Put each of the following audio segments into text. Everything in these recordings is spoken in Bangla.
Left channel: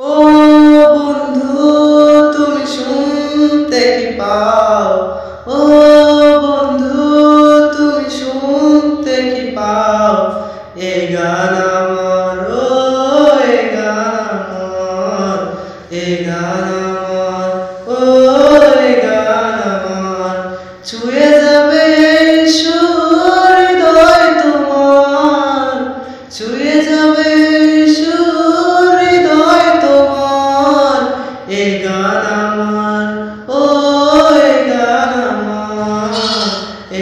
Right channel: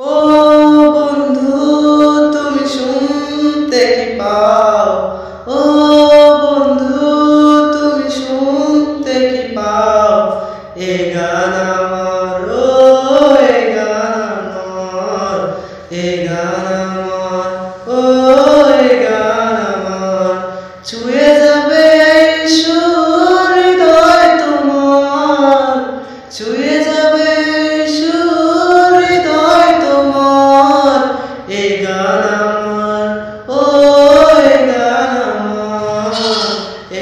ও বন্ধু, তুমি শুনতে কি পাও? ও বন্ধু, তুমি শুনতে কি পাও? এ গান আমার, ও এ গান আমার, এ গান আমার, ও এ গান আমার। ছুঁয়ে যাবে এই সুর হৃদয় তোমার, ছুঁয়ে যাবে এই সুর হৃদয় তোমার। এ গান আমার, ও এ গান আমার,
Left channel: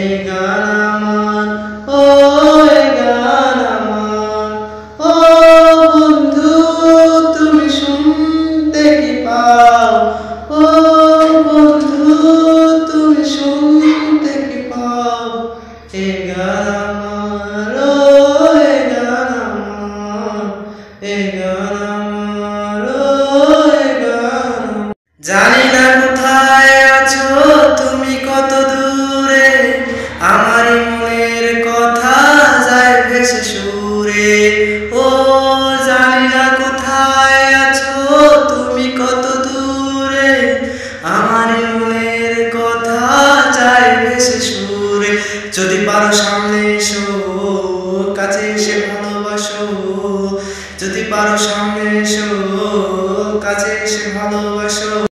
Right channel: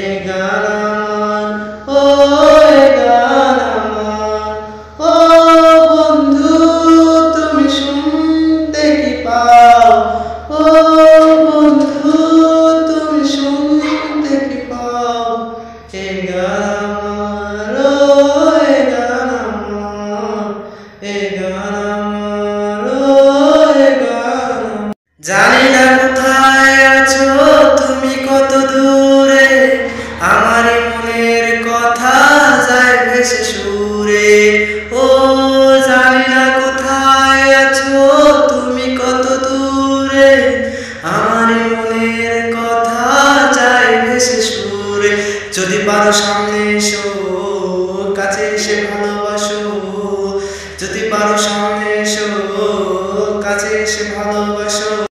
এ গান আমার, ও এ গান আমার। ও বন্ধু, তুমি শুনতে কি পাও? ও বন্ধু, তুমি শুনতে কি পাও? এ গান আমার, ও এ গান আমার, এ গান আমার, ও এ গান আমার। জানি না কোথায় আছো তুমি, কত দূরে, আমারই মনের কথা যায় ভেসে সুরে। ও জানি না কোথায় আছো তুমি, কত দূরে, আমারই মনের কথা যায় ভেসে সুরে। যদি পারো সামনে এসো, কাছে এসে ভালোবাসো, যদি পারো সামনে এসো, কাছে এসে ভালোবাসো।